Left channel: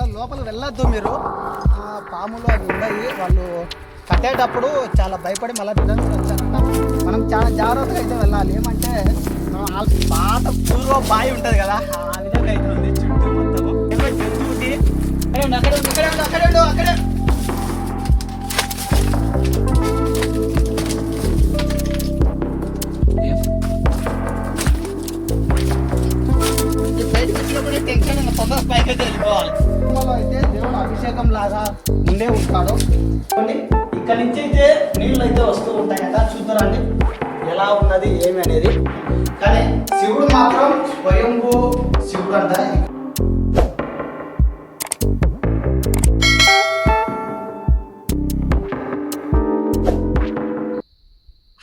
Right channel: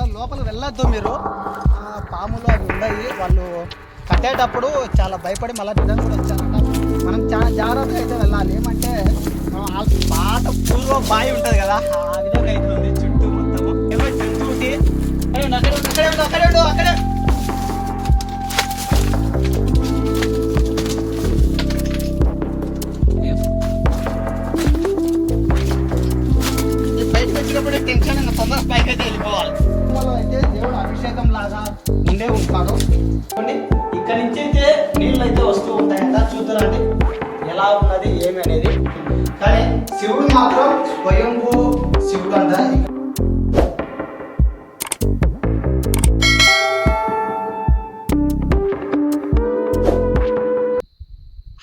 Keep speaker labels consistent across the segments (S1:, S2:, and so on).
S1: అసలు లోపల వెళ్ళొద్దు మీరు. పాములు అవి ఉన్నాయి. వాళ్ళు కట్టేటప్పుడు చాలా భయపడి మళ్ళీ రిటర్న్ కూడా వచ్చారంట. మనం చాలా జాగ్రత్తగా అయితే వెళ్ళాలి. ఏమంటే మనం ఆ పాత పూర్వ బావి ఉంటుంది కదా ఆ విధంగా అయితే ఉంది చుట్టూ మొత్తం. ఏమో జంతువుకి అక్కడే అక్కడే అక్కడే అక్కడే. టెన్షన్ తొందర తొందరగా పైకి అయితే వెళ్ళిపోవాలి. తిరుమలలో అయితే దేవుడు అభిషేకం లాగా ఉండే ఉంటాడు కొన్ని ఇక్కడ నుంచి అయితే నీళ్ళు అయితే వస్తూ ఉంటాయి కదా చూద్దరండి ఎలా ఉన్నది ఏమి అనేది. కానీ శివుడు మాత్రం స్వయంభూ శివుడు అంట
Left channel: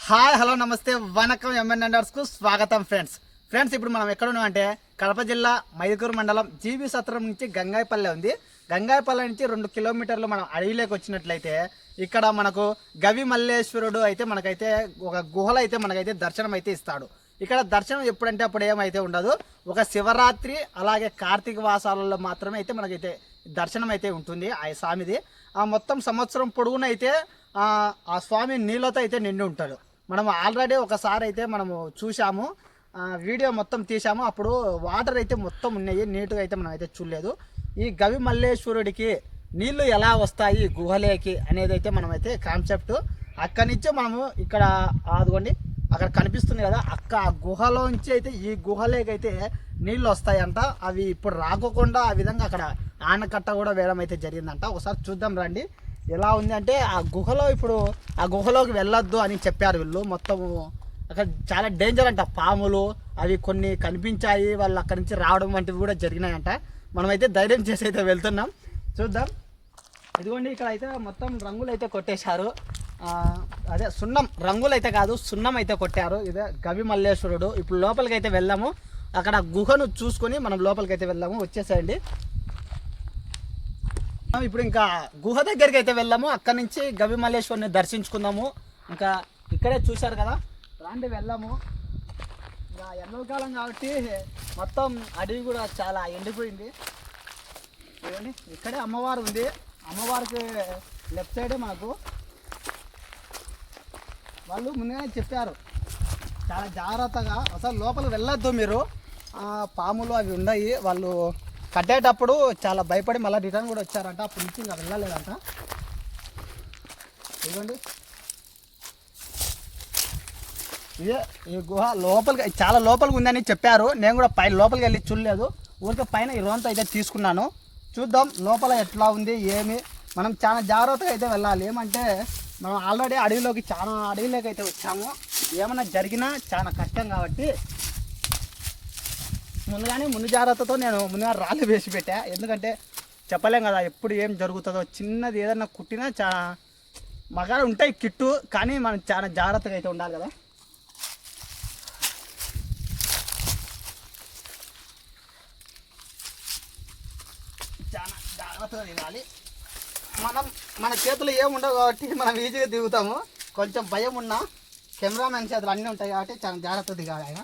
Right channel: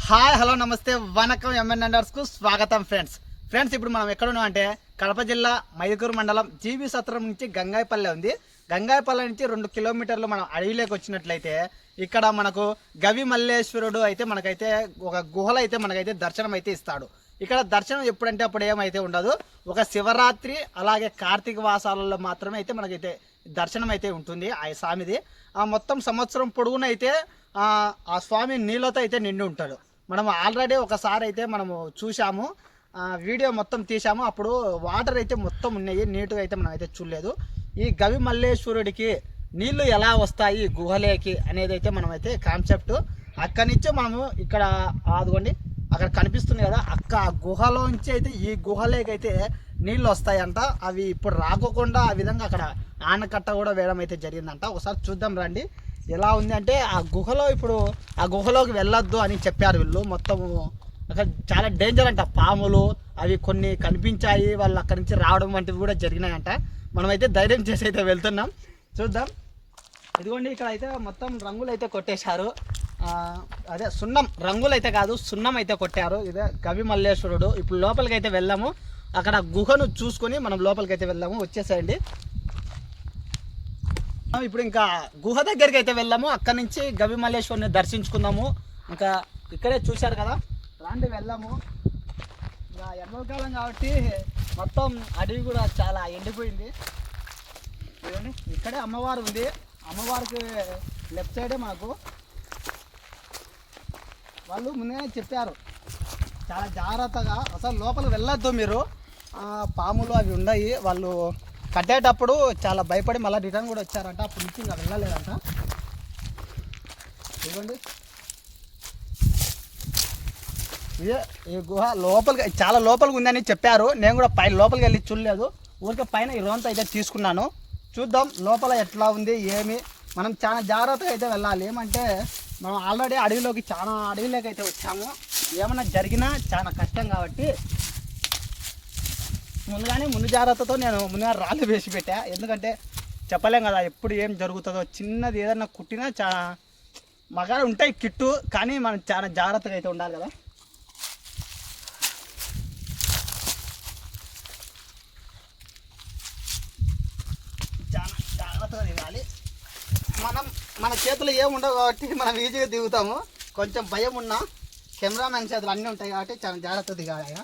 S1: హాయ్ హలో నమస్తే వనకం ఎంఎన్కు స్వాగతం ఫ్రెండ్స్. ఫ్రెండ్స్ ఇప్పుడు మనం ఎక్కడ ఉన్నాం అంటే కడప జిల్లా మైదుకూరు మండలం జీవి సత్రం నుంచి గంగాయపల్లె ఉంది. గంగాయపల్లె నుంచి రెండు కిలోమీటర్లు మనం అడవిలోకి వచ్చినట్లయితే ఇక్కడ మనకు గవి మల్లేశ్వరుడు అయితే మనకైతే ఒక గుహలో అయితే మనకైతే దర్శనం అయితే ఇస్తాడు. ఇక్కడ దర్శనం ఎప్పుడంటే అప్పుడు ఏమైతే ఉండదు. ఒక శివరాత్రి అలాగే కార్తీక వాసాలలో మాత్రమే అయితే మనకైతే దర్శనం అయితే ఉంటుంది ఆ స్వామిది. ఆ మొత్తం సంవత్సరం పొడుగునైతే ఆ ఆ స్వామి నీళ్ళతో అయితే నిండి ఉంటాడు. మనం ఆల్రెడీ ఒకసారి అయితే మనము చూసాము వీడియో మొత్తం తీసాము అప్పుడు వాటర్ అయితే మొత్తం ఉన్నాయి. నీట్గా అయితే మనం అయితే చూడలేదు. ఈ గవి మల్లేశ్వరుడికి నీళ్ళు ఎలా వస్తాయి? గుహలేకి అనేది అయితే మనమైతే కాన్సెప్ట్ అక్కడి నుంచి మనము ఇక్కడ ఆదుకోండి అక్కడ కనిపిస్తుంది కదా అక్క ఆ గుహలోంచి అయితే ఈ గుహలేకైతే అయితే నీళ్ళు వస్తాయంట. అవి ఇప్పుడు రాకోకుండా ఆ విధంగా అక్కడ ఆనకట్ట కూడా వేయడం అయితే జరిగిందంట. ఒకసారి చూద్దాం రండి. ఎలా ఉంది అంటే ఆ గుహలో ఇప్పుడు ఆ గుహలోకి వెళ్ళొద్దు అని చెప్పారు వీళ్ళు. మొత్తము అక్కడ చాలా డేంజర్ అంట. పాములు అవి కొన్ని కనిపించాయి వాళ్ళు అక్కడి నుంచి రావడం వంటివి కూడా జరిగినాయంట. మనమైతే ధైర్యం చేసి అయితే వెళ్తున్నాం. చూద్దాం. ఇదిగోండి ఇక్కడ అయితే మొత్తం రంగులు అయితే కొట్టేశారు. అదే సున్నం రంగులు అయితే కాదు సున్నం అయితే కొట్టారు. ఇదే గవి మల్లేశ్వరుడు. ఇప్పుడు లోపలికి అయితే వెళ్ళాము అక్కడ గుహను చూసుకొని మనం లోపలికి అయితే వెళ్ళాము వచ్చేసేయండి. ఇప్పుడు ఇంకా గుహ దగ్గరికి అయితే వెళ్ళాము అక్కడి నుంచి గవి మల్లేశ్వరిని దర్శించుకుందాము. ఇంకా ఇక్కడే చూశారు కదా? రాండి వెళ్ళాము. ఇంకా ఎండాకాలం కాబట్టి మొత్తం అడవి కూడా చాలా ఎండిపోయింది. చూడండి ఇక్కడే అమ్మవారు ఉంది. అమ్మవారికి లెఫ్ట్ సైడే మాకు వాళ్ళు ముందుగానే చెప్పారు. చాలా జాగ్రత్తగా అసలు లోపలికి వెళ్ళొద్దు మీరు. పాములు అవి ఉన్నాయి. వాళ్ళు కట్టేటప్పుడు చాలా భయపడి మళ్ళీ రిటర్న్ కూడా వచ్చారంట. అప్పటి నుంచి ఇంకా వెళ్ళలేదంట. ఇవ్వండి ఇదే ఈ గుహ లోపలికి చాలా లోపలికి ఉందని చెప్పారు. నేను కూడా పై లోపలికి వెళ్ళి చూడలేదు. ఊరికే పైన ఈ రోంత అయితే తీసుకున్నాను. చూద్దాం లోపల ఎట్లా ఉంది ఏమి. మనం చాలా జాగ్రత్తగా అయితే వెళ్ళాలి. ఏమంటే మనం ఆల్రెడీ అడవిలోకి చాలా అడవిలోకి అయితే వచ్చాము. ఏమైనా జరిగినా చాలా కష్టం కాబట్టి ముందుగానే ముందు జాగ్రత్తతో నేను ముందుగా రాళ్ళు వేసి పెట్టా. ఎందుకంటే చెప్పలేం కదా ఎప్పుడు ఏం జరుగుతుందో. చిన్నది ఏదన్నా కుట్టినా చాలా మగాలు ఉంటాయి కిట్టు కానీ మనం చాలా జాగ్రత్తగా అయితే ఉండాలి కదా చాలా జాగ్రత్తగా దిగాలి మనం మన చేతులు ఏముండవు కాబట్టి మనం ఈజీగా దిగుతాము. కొంచెం భయం ఉన్నా కెమెరామెన్ చేతులు అన్నీ ఉంటాయి కాబట్టి చాలా జాగ్రత్త దిగాలి ఆయన.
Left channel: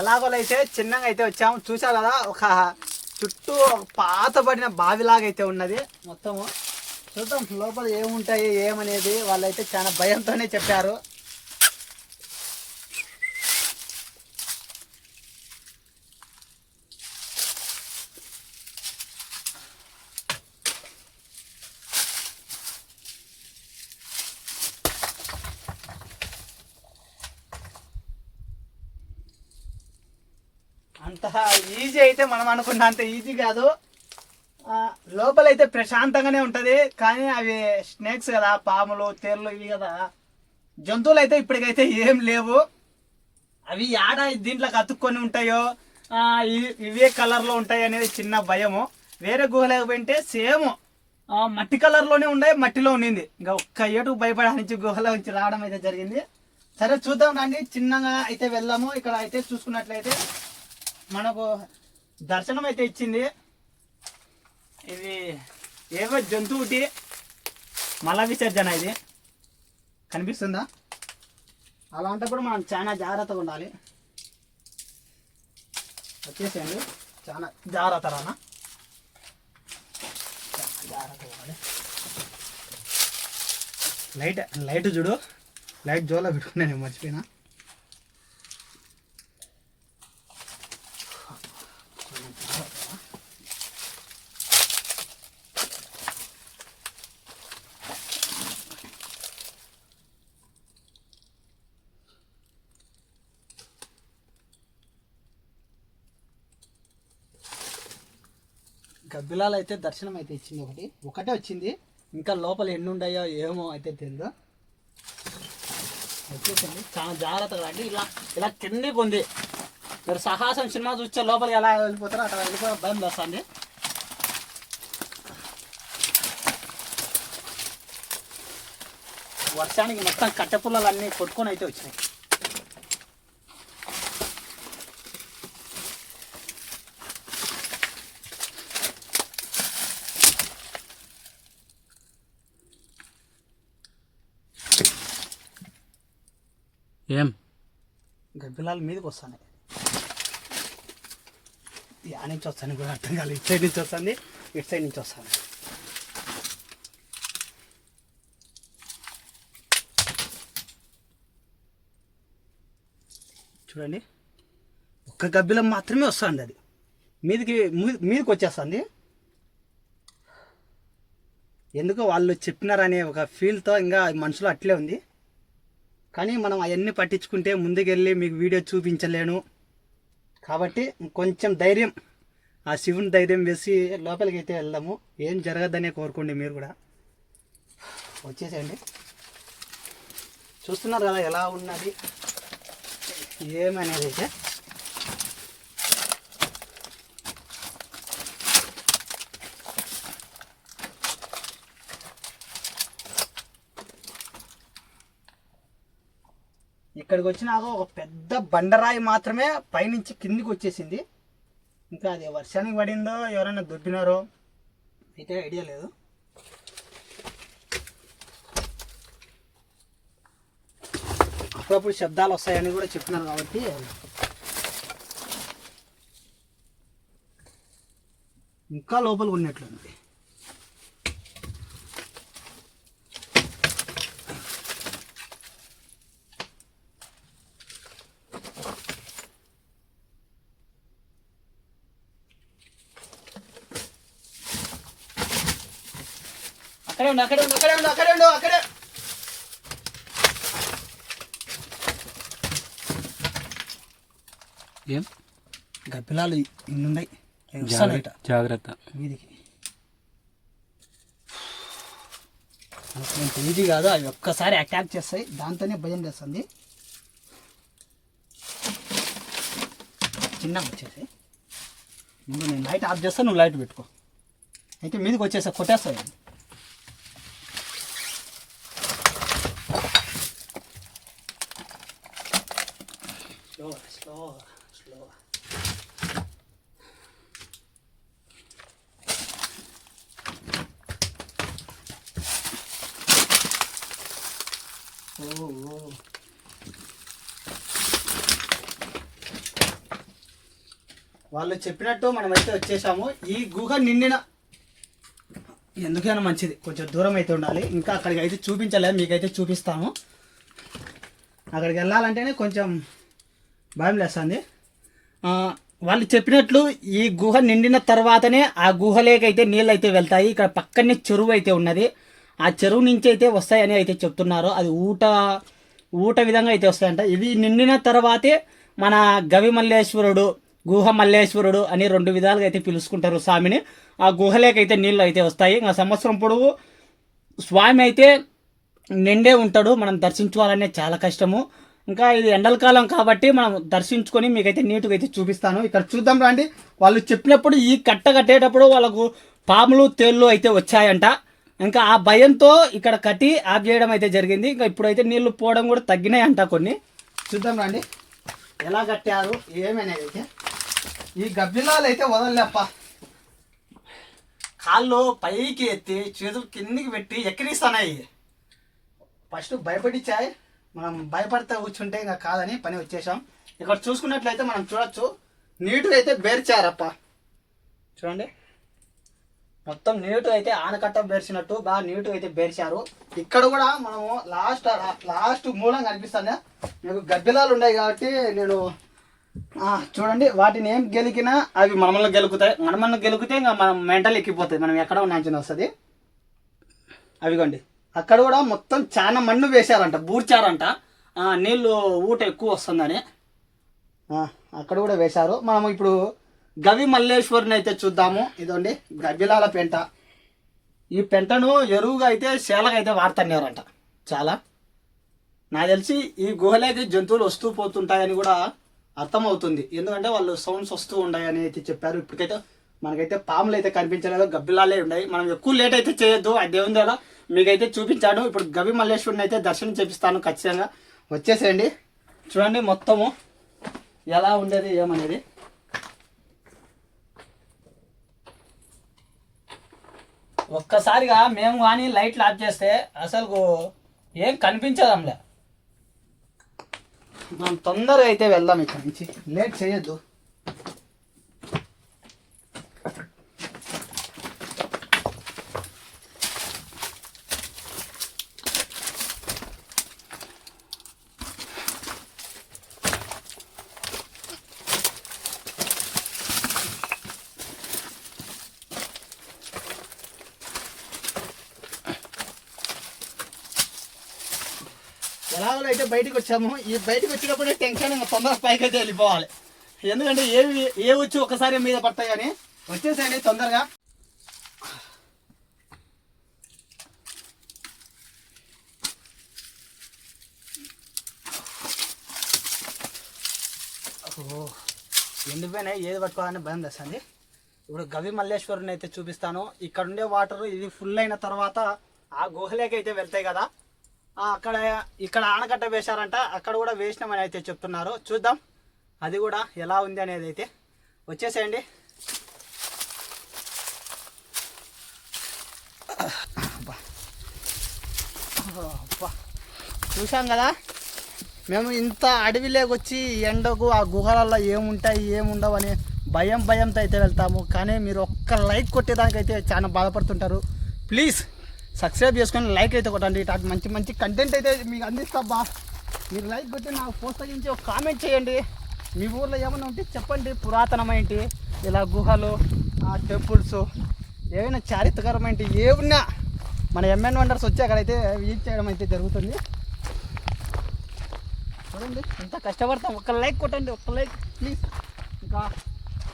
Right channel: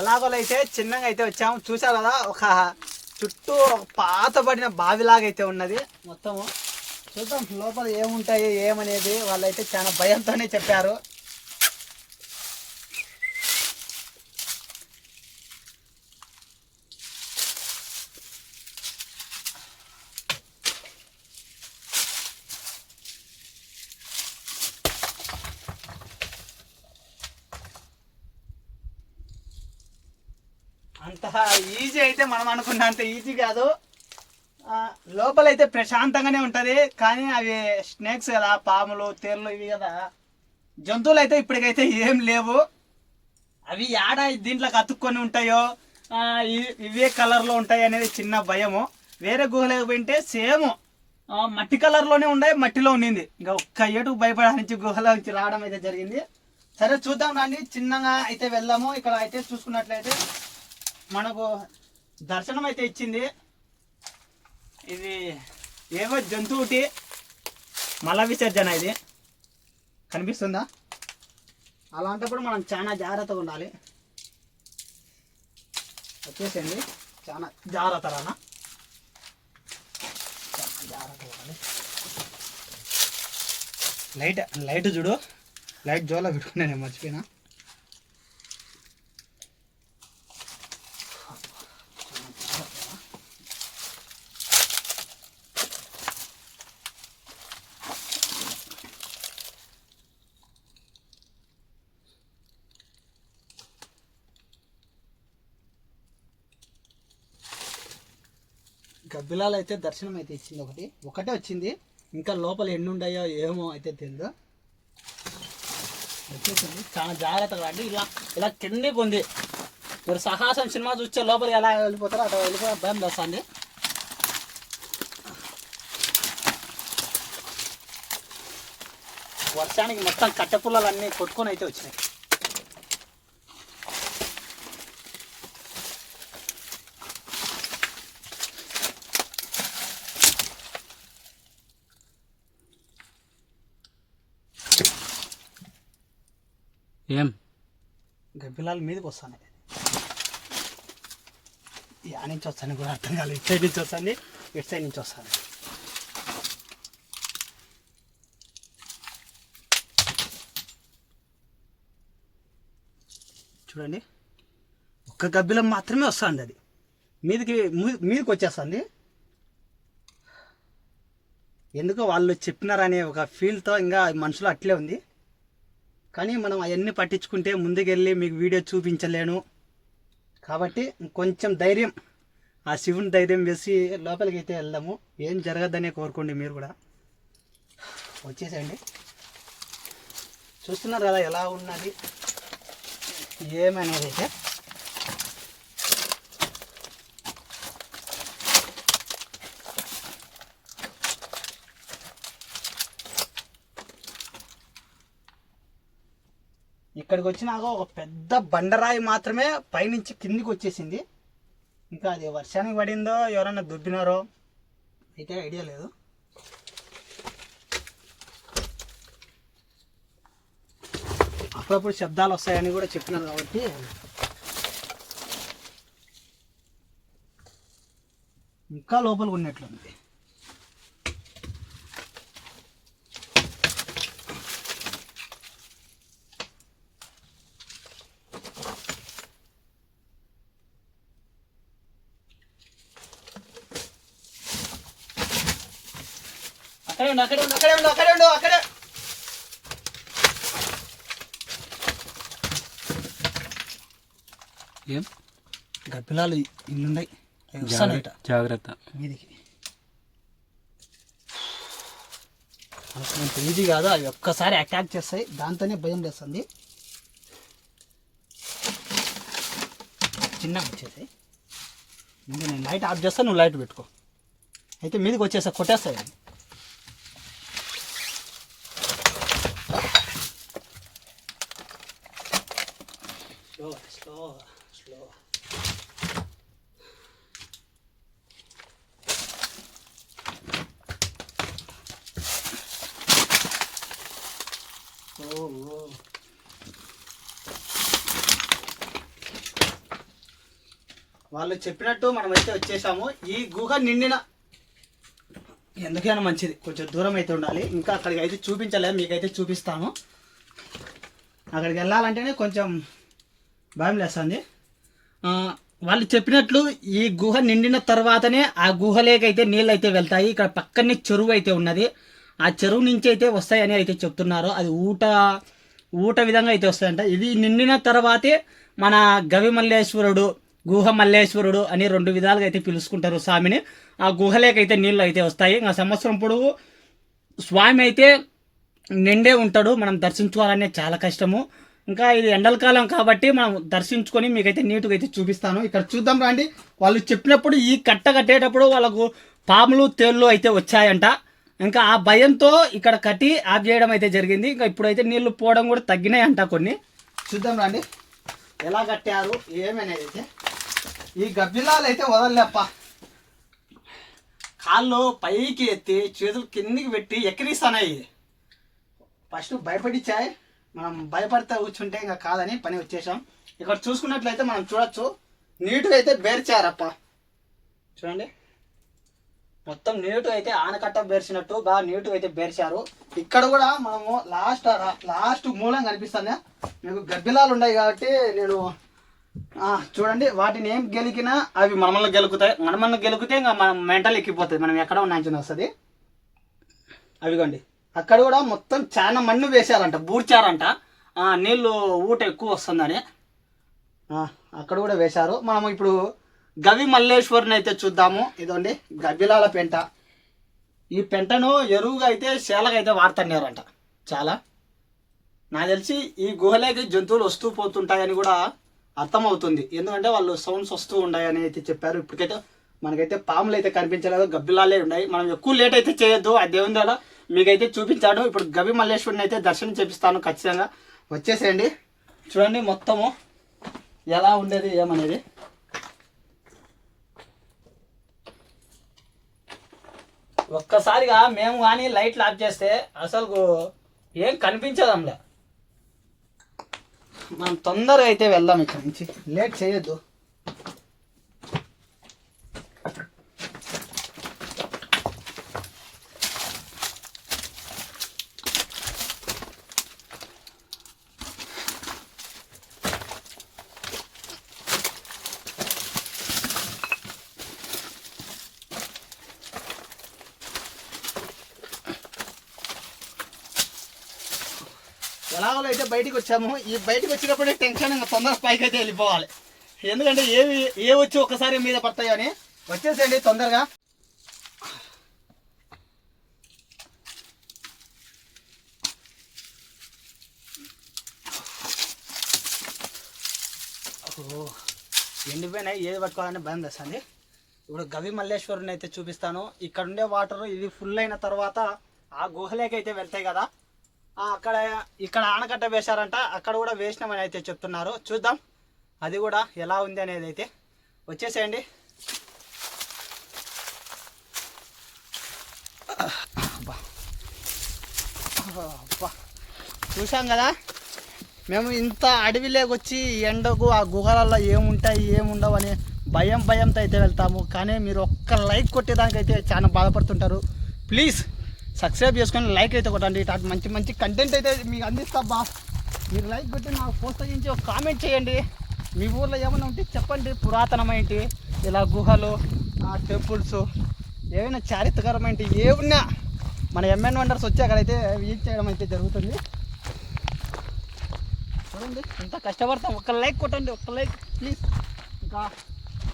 S1: ఎలాగోలైతే చిన్నగా అయితే వచ్చాము. చూసారు కదా ఒక చుట్టూ ఒక పాతబడిన బావిలాగా అయితే ఉన్నది. మొత్తము చూద్దాం లోపల ఏముంటాయి ఏమనేది వాళ్ళైతే చాలా భయంతోనే చెప్పారు. అంత ఈజీ అయితే మనం అనుకున్న అంత ఈజీ కాదు. లోపలైతే ప్రశాంతంగానే ఉంటుంది. కానీ అవి స్నేక్స్ కదా పాములు తేళ్ళు ఇవి కదా జంతువులు అయితే ఇప్పటికైతే ఏం లేవు. అవి యాడ దీంట్లోకి అతుక్కొని ఉంటాయో ఇవే కలర్లో ఉంటాయి అనేది చిన్న భయము. వేరే గుహలోకి పోయింటే సేమ్. మట్టి కలర్లోనే ఉన్నాయి మట్టిలో ఉండింది. ఇంకా ఒక్క ఏటుకు భయపడానికి నుంచి గుహలో నుంచి రావడం అయితే జరిగింది. సరే చూద్దాం రండి. చిన్నగా అయితే వెళ్దాము. ఇక్కడ అయితే చూసుకున్నట్లయితే మనకు దర్శనం అయితే ఇచ్చింది. ఇది ఏవో జంతువుటి మల విసర్జన ఇది. కనిపిస్తుందా? అలాంటప్పుడు మనం చాలా జాగ్రత్తగా ఉండాలి. వచ్చేసేయండి. చాలా జాగ్రత్త రానా? చాలా ఉండాలి. లైట్ లైట్ చూడు. లైట్ జోలా పెట్టుకున్నా నేను మర్చిపోయినా. గబ్బిలాలు అయితే దర్శనం అయితే ఇచ్చింది ఒకటి. ఒకటే వచ్చింది. ఇంకా లోపల ఎన్ని ఉన్నాయో ఏమో అయితే తెలియదు వచ్చేసింది. చాలా జాగ్రత్తగా అండి ఇలా ఇలా కిందకి ఉంది. మీరు సాహసం సినిమా చూస్తే లోపలికి ఎలా వెళ్ళిపోతారో అట్లా వెళ్ళిపోయి భయం వస్తుంది. వర్షానికి మొత్తం కట్టెపుల్లలు అన్నీ కొట్టుకొని అయితే వచ్చినాయి. గబ్బిలాల మీదకి వస్తున్నాయి యా నుంచి వస్తాను కూడా అర్థం కాలేదు. ఇటు సైడ్ నుంచి వస్తుంది ఇటు సైడ్ నుంచి వస్తాను. చూడండి. ఒక్క గబ్బిలం మాత్రమే వస్తుంది అది. మీదకి మీదకి వచ్చేస్తుంది. ఎందుకో వాళ్ళు చెప్పినారనే ఒక ఫీల్తో ఇంకా మనుషులు అట్లే ఉంది. కానీ మనం అవన్నీ పట్టించుకుంటే ముందుకెళ్ళి మీకు వీడియో చూపించలేను. కాబట్టి కొంచెం ధైర్యం ఆ శివుని ధైర్యం వేసి లోపలికి అయితే వెళ్దాము. ఏం జరగద్దనే కోరుకోండి మీరు కూడా. వచ్చేసేయండి. చూస్తున్నారు కదా ఎలా ఉన్నది? ఏమనేది అయితే ఇక్కడికి వచ్చినాక ఒక పెద్ద బండరాయి మాత్రమే పైనుంచి కిందికి వచ్చేసింది ఇంకా అది వర్షానికి పడిందో ఎవరైనా దుబ్బినారో అయితే ఐడియా లేదు. అప్పుడప్పుడు శబ్దాలు వస్తాయని కూడా చెప్పినారు కాబట్టి. ఇంకా లోపలికి ఉన్నట్లుంది. ఉండు అక్కడే ఉండు అక్కడే ఉండు అక్కడే ఉండు అక్కడే.
S2: ఏం?
S1: గబ్బిలాలు ఇల్లున్నాయి
S2: జాగ్రత్త జాగ్రత్త.
S1: వీధికి అంత ఈజీ కాదు అవి ఒక్కసారి అటాక్ చేస్తాయి. దాంతోనే భయం వేస్తుంది. చిన్నగా వచ్చేసాయి ముందు నేను లైట్ ఆఫ్ చేస్తా నువ్వు లైట్ పెట్టుకో. అయితే మీదకి వచ్చేసా కొట్టేస్తాయి అవి. స్లోగా స్లోగా Oh, ఓ వాళ్ళు చెప్పినట్టు మనమైతే వచ్చేసాము. ఈ గుహ నిండిన ఎందుకైనా మంచిది. కొంచెం దూరం అయితే ఉండాలి. ఇంకా అక్కడికి అయితే చూపించలేదు. మీకైతే చూపిస్తాము. అక్కడికి వెళ్ళాలంటేనే కొంచెం భయం లేస్తుంది వాళ్ళు చెప్పినట్లు ఈ గుహ నిండిన తర్వాతనే ఆ గుహలేకైతే నీళ్ళు అయితే వెళ్తాయి. ఇక్కడ పక్కనే చెరువు అయితే ఉన్నది. ఆ చెరువు నుంచి అయితే వస్తాయని అయితే చెప్తున్నారు. అది ఊట ఊట విధంగా అయితే వస్తాయంట. ఇవి నిండిన తర్వాతే మన గవి మల్లేశ్వరుడు గుహ మల్లేశ్వరుడు అని రెండు విధాలుగా అయితే పిలుచుకుంటారు స్వామిని. ఆ గుహలేకైతే నీళ్ళు అయితే వస్తాయి. ఇంకా సంవత్సరం పొడవు స్వామి అయితే నిండే ఉంటాడు. మనం దర్శించుకోవాలనే చాలా కష్టము. ఇంకా ఇది ఎండల కాలం కాబట్టి మనం దర్శించుకొని మీకైతే నీట్గా అయితే చూపిస్తాను. ఇక్కడ చూద్దాం రండి. వాళ్ళు చెప్పినప్పుడు ఈ కట్ట కట్టేటప్పుడు వాళ్ళకు పాములు తేళ్ళు అయితే వచ్చాయంట. ఇంకా ఆ భయంతో ఇక్కడ కట్టి ఆఫ్ చేయడం అయితే జరిగింది. ఇంకా ఇప్పుడైతే నీళ్ళు పోవడం కూడా తగ్గినాయి అంట కొన్ని. చూద్దాం రండి. ఎలా కట్టారు? ఏమైనా అయితే? ఈ గబ్బిలాలు అయితే వదలలేప్ప. కాళ్ళు పైకి ఎత్తి చేతులు కిందికి పెట్టి ఎక్కిరిస్తున్నాయి ఫస్ట్ భయపడిచ్చాయి మనం భయపడితే కూర్చుంటే ఇంకా కాదని పని వచ్చేసాం. ఇక్కడ చూసుకున్నట్లయితే మనం చూడొచ్చు. నీటుగా అయితే బేర్చారప్ప. చూడండి. మొత్తం నీటుగా అయితే ఆనకట్ట బేర్చినట్టు బాగా నీటుగా అయితే బేర్చారు. ఇక్కడ కూడా మనము లాస్ట్ లాస్ట్ మూలం కనిపిస్తుంది. మీకు గబ్బిలాలు ఉన్నాయి కాబట్టి నేను చూడండి. వాటిని ఏం గెలికినా అవి మనమల్ని గెలుకుతాయి. మనమల్ని గెలికితే ఇంకా మనం మెంటల్ ఎక్కిపోతుంది. మనం ఎక్కడ ఉన్నాంచిన వస్తుంది. అవిగోండి. అక్కడ కూడా మొత్తం చాలా మన్ను వేశారంట బూడ్చారంట. నీళ్ళు ఊట ఎక్కువ వస్తుందని. అక్కడ కూడా వేశారు. మనం ఇప్పుడు గవి మల్లేశ్వరిని అయితే చూద్దాము. ఇదండి గబ్బిలాల పెంట. ఈ పెంటను ఎరువుగా అయితే శేలగా అయితే వాడుతున్నారంట. చాలా. నాకు తెలిసి ఈ గుహలోకి జంతువులు వస్తూ పోతుంటాయని కూడా అర్థమవుతుంది. ఎందుకంటే వాళ్ళు సౌండ్స్ వస్తూ ఉన్నాయని అయితే చెప్పారు. ఇప్పటికైతే మనకైతే పాములు అయితే కనిపించలేదు. గబ్బిలాలే ఉన్నాయి. మనం ఎక్కువ లేట్ అయితే చేయొద్దు. ఆ దేవుని ద్వారా మీకైతే చూపించాడు. ఇప్పుడు గవి మల్లేశ్వరిని అయితే దర్శనం చేపిస్తాను ఖచ్చితంగా. వచ్చేసేయండి. చూడండి మొత్తము ఎలా ఉండేది ఏమనేది. ఒక్కసారిగా మేము కానీ లైట్లు ఆఫ్ చేస్తే అసలు ఏం కనిపించదంలే. మనం తొందరగా అయితే వెళ్దాం ఇక్కడ నుంచి. లేట్ చేయొద్దు. ఎలాగో అయితే బయటికి వచ్చాము. ఈ బయటకు వచ్చినప్పుడే టెన్షన్ ఇంకా తొందరగా పైకి అయితే వెళ్ళిపోవాలి. ఎందుకంటే ఏవి ఏ వచ్చి ఒకసారి మీద పడతాయని వచ్చేసేయండి తొందరగా. ఓ ఎండిపోయినాయి ఏది పట్టుకోవాలని భయం తెస్తుంది ఇప్పుడు గవి మల్లేశ్వరుని అయితే చూపిస్తాను. ఇక్కడ ఉండే వాటర్ ఇది ఫుల్ అయిన తర్వాత ఆ గుహలేకైతే వెళ్తాయి కదా. అక్కడ ఇక్కడ ఆనకట్ట వేశారంట. అక్కడ కూడా వేసినామని అయితే చెప్తున్నారు. చూద్దాం. అది కూడా ఎలా ఉంది అనేది అయితే. వచ్చేసేయండి. అబ్బా. అబ్బా. చూసాం కదా? మేము ఇంత అడవిలోకి వచ్చి ఎండకు ఆ గుహలలో ఏముంటాయి ఏముండవు అని భయం భయంతో అయితే వెళ్తాము. కానీ మీరు ఒక్క లైక్ కొట్టేదానికైతే చాలా బాధపడుతుంటారు. ప్లీజ్ సబ్స్క్రైబ్ చేసుకొని లైక్ అయితే కొట్టండి. ఇట్లాంటి మంచి మంచి కంటెంట్ అయితే మీకు అందిస్తా బా మీరు లైక్ కొట్టి నాకు ప్రోత్సహించి ఒక కామెంట్ చేయండి. మీ ఊర్లో ఏమైనా ఉంటే చెప్పండి. పురాతనమైంటి ఇలా గుహలు టెంపుల్స్ ఏమైనా చారిత్రకరమైనటి ఏమున్నా మన ఎంఎన్ వండర్స్ వచ్చి అక్కడైతే విజిట్ చేయడం అయితే జరుగుతుంది. చూడండి ఎంత కష్టపడతాం. ఒక్క లైక్ కొట్టండి. ఒక్క లైక్ ప్లీజ్ ఇంకా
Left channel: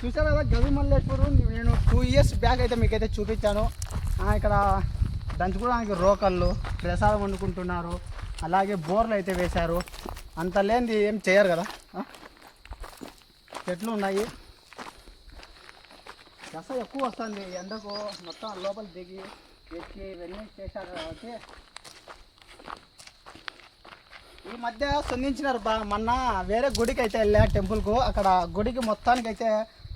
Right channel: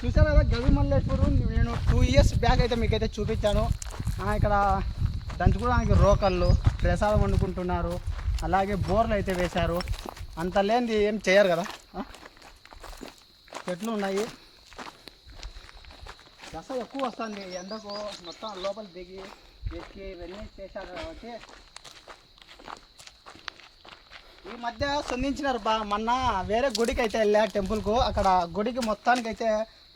S1: చూసారా కదా గవి మల్లేశ్వరు నేను టూ ఇయర్స్ బ్యాక్ అయితే మీకైతే చూపించాను. ఇక్కడ దంచుకోవడానికి రోకళ్ళు ప్రసాదం వండుకుంటున్నారు. అలాగే బోర్లు అయితే వేశారు. అంత లేనిది ఏం చేయరు కదా? చెట్లు ఉన్నాయి. దశ ఎక్కువ వస్తుంది. ఎండకు మొత్తం లోపల దిగి ఎక్కి ఇవన్నీ చేశారు కాబట్టి. ఈ మధ్య సంధించినారు బా మొన్న వేరే గుడికి అయితే వెళ్ళా టెంపుల్కు. అక్కడ గుడికి మొత్తానికి అయితే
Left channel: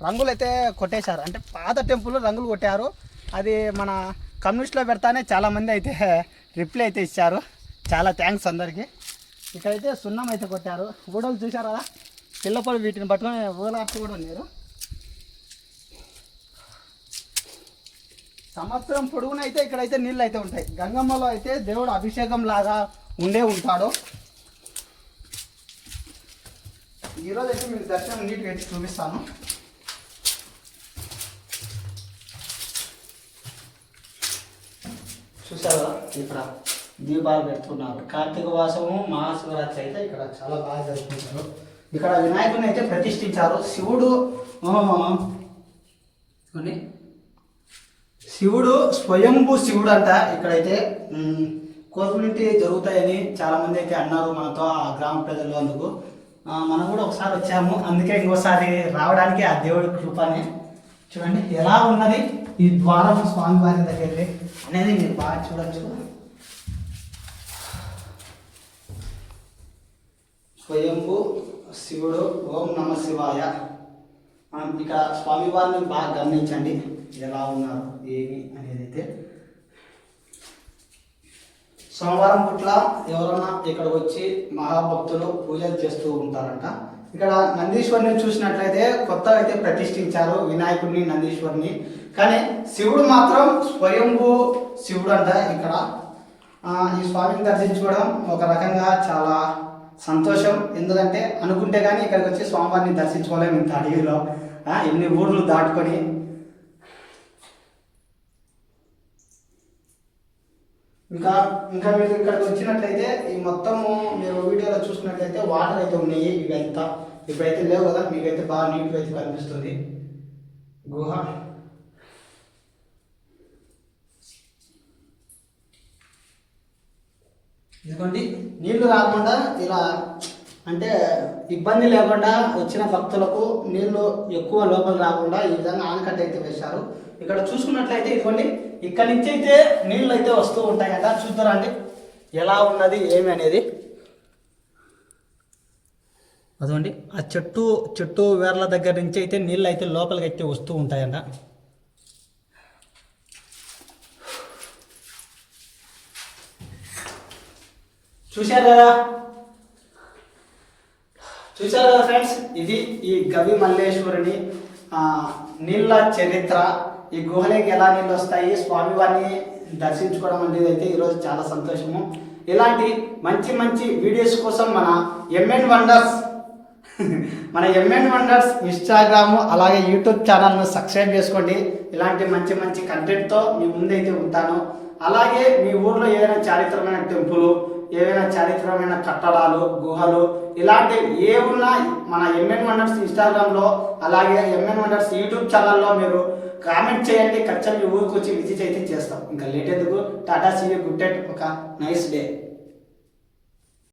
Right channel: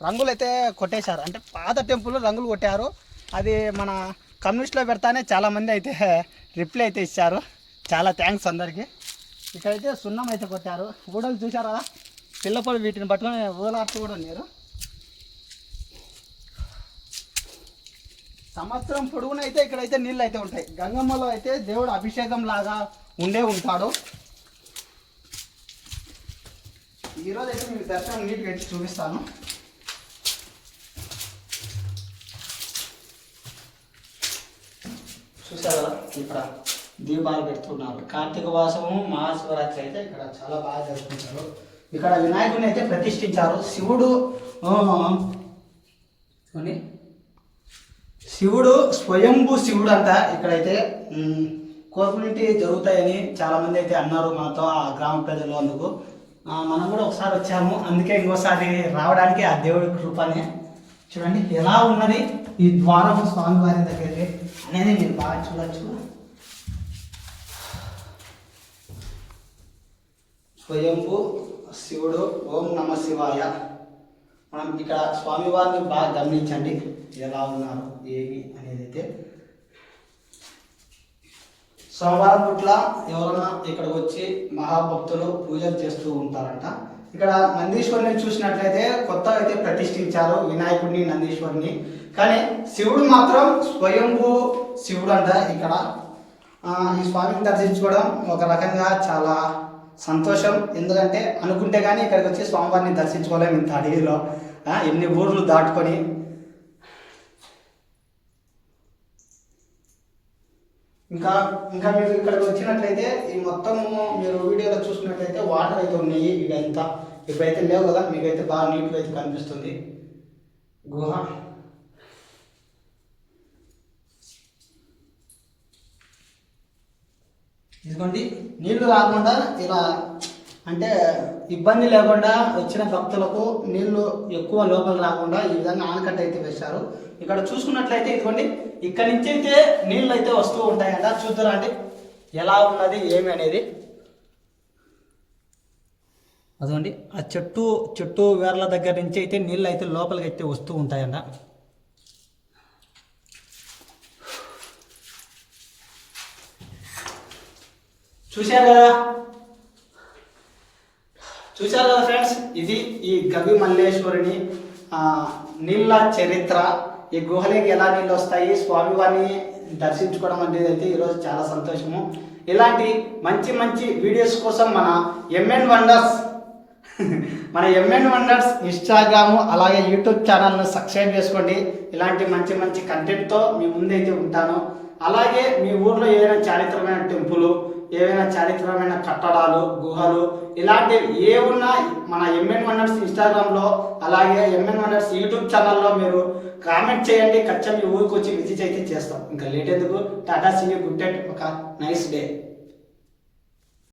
S1: రంగులు అయితే కొట్టేశారు. అంటే పాత టెంపుల్ రంగులు కొట్టారు. అది మన కమ్యూనిస్ట్లో పెడతానే చాలామంది అయితే రిప్లై అయితే ఇచ్చారు. చాలా థ్యాంక్స్ అందరికీ. ఇక్కడైతే సున్నం అయితే కొట్టారు. ఊడలు చూసారా పిల్లపల్లి వీటిని పట్టుకొని ఊలాడుతూ కూడా ఉన్నారు. సంవత్సరం పొడుగునైతే ఇక్కడైతే నీళ్ళు అయితే ఉంటాయి. గంగమ్మలో అయితే దేవుడు అభిషేకం లాగా ఉండే ఉంటాడు. ఈరోజు అయితే మీకు దర్శనం నీట్గా అయితే చూపిస్తాను. చూసారు ఇక్కడ దీపాలు పెడుతున్నారు. కార్తీక మాసము మహాశివరాత్రి అయితే ఇక్కడ చాలా బాగా జరుపుకుంటారు. ఇక్కడ వినాయకుని అయితే ప్రతిష్ఠించారు. శివుడు శివుడు స్వయంభూ శివుడు అంట ఇక్కడైతే. కోర్పులింటి జరుగుతాయని చాలామంది అయితే అన్నారు మనతో ఆ గ్రామ ప్రజలు అందుకు. మనం కూడా ఒకసారి వచ్చాము. అందుకే ఇంకోసారి రావడానికి ఆ దేవుడి కృపని. చూడండి ఎలా ఉన్నది. ఈ ద్వారం స్వామివారి దగ్గరికి అనేది మీరు బాగా చూడొచ్చు. స్వయంభూ శివుడు ఓం నమ శివాయ. మనం ఇక్కడ స్వామివారిని బాగా గమనించండి ఎలా ఉన్నారు ఏమి అనేది అయితే సోమవారం పుట్ల ఎవరన్నా ఇక్కడ వచ్చి మహాభక్తులు పూజలు చేస్తూ ఉంటారంట. ఇక్కడ నందీశ్వరిని చూసినట్లయితే కొత్త అయితే ప్రతిష్ఠించారు వినాయకుడిని నందీశ్వరిని. కానీ శివుడు మాత్రం స్వయంభూ శివుడు అంట ఇక్కడ. ఈ స్వామిని దర్శించుకోవడం ఒక రకంగా చాలా సంతోషం. ఎందుకంటే అనుకుంటే కానీ ఇక్కడికి వచ్చి స్వామివారిని దర్శించుకోలేము ఇంత అడవిలో. ఎన్ని ఊర్లు దాటుకొని ఇంకా ఇంకా మీరు ఇక్కడికి వచ్చినట్లయితే ఈ మొత్తము మీరు వీడియోలో చూసుకున్నట్లయితే వాటర్ అయితే ఉన్నాయి ఇవంతా. ఇప్పుడైతే లేవు కదా మీకైతే బాగా నీట్గా అయితే కనిపిస్తుంది. గుహ. ఇదిగోండి. నీళ్ళు రాకుండా ఇలా అంటే ఇబ్బంది లేకుండా వచ్చిన భక్తులకు నీళ్ళు ఎక్కువ లోపల రాకుండా ఈ విధంగా ఆనకట్ట అయితే వేశారు. ఇక్కడ చూసుకున్నట్లయితే ఇదిగోండి ఇక్కడ నుంచి అయితే నీళ్ళు అయితే వస్తూ ఉంటాయంట చూద్దారా అండి. ఎలా ఉన్నది ఏమి అనేది. అదండి ఆ చెట్టు చెట్టు వేర్ల దగ్గర నుంచి అయితే నీళ్ళు అయితే లోపలికి అయితే వస్తూ ఉంటాయంట. చూశారు కదా చూశారు కదా ఫ్రెండ్స్ ఇది ఈ గవి మల్లేశ్వరుని నీళ్ళ చరిత్ర ఈ గుహలకి ఎలా నీళ్ళు వస్తాయి స్వామివారిని దర్శించుకోవడం అనేది అయితే ఈరోజు చాలా సంతోషము. ఇలాంటి మంచి మంచి వీడియోస్ కోసం మన ఎంఎన్ వండర్స్ మన ఎంఎన్ వండర్స్ ఇన్స్టాగ్రాము అలాగే యూట్యూబ్ ఛానల్ను సబ్స్క్రైబ్ చేసుకోండి. ఇలాంటి మంచి మంచి కంటెంట్తో మీ ముందైతే ఉంటాను. అలాగే మీ ఊర్లో ఏదైనా చారిత్రమైన టెంపుల్ ఏవైనా చారిత్రమైన కట్టడాలు గుహలు ఇలాంటి ఏ ఉన్నా మన ఎంఎన్ వండర్స్ ఇన్స్టాగ్రామ్లో అలాగే ఎంఎన్ వండర్స్ యూట్యూబ్ ఛానల్లో మీరు కామెంట్ చేయండి. ఖచ్చితంగా మీ ఊరికి వచ్చి విజిట్ అయితే చేస్తాం. ఇంకా లేట్ ఎందుకు? టాటా సీ గుడ్ డేట్ ఒక నైస్ డే.